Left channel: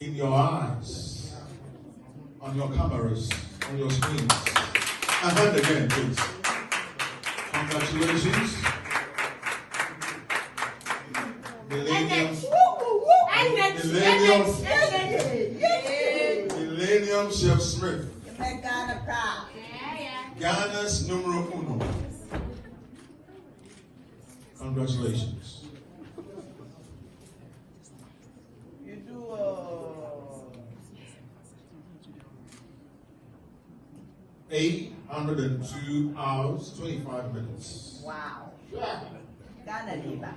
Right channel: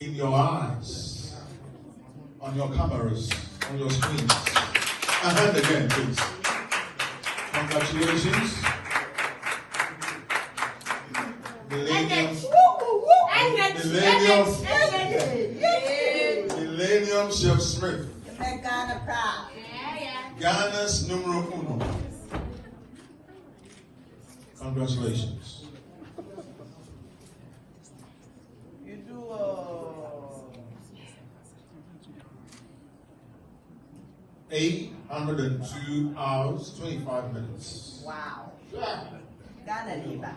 In your eyes, on your cameras, on your screens. A hand again, please. Congratulations. Millennium Chef Smith. Ghana proud. Ghana's numero uno. Congratulations. You do 802 hours, 25 minutes. wow. Ghana leader.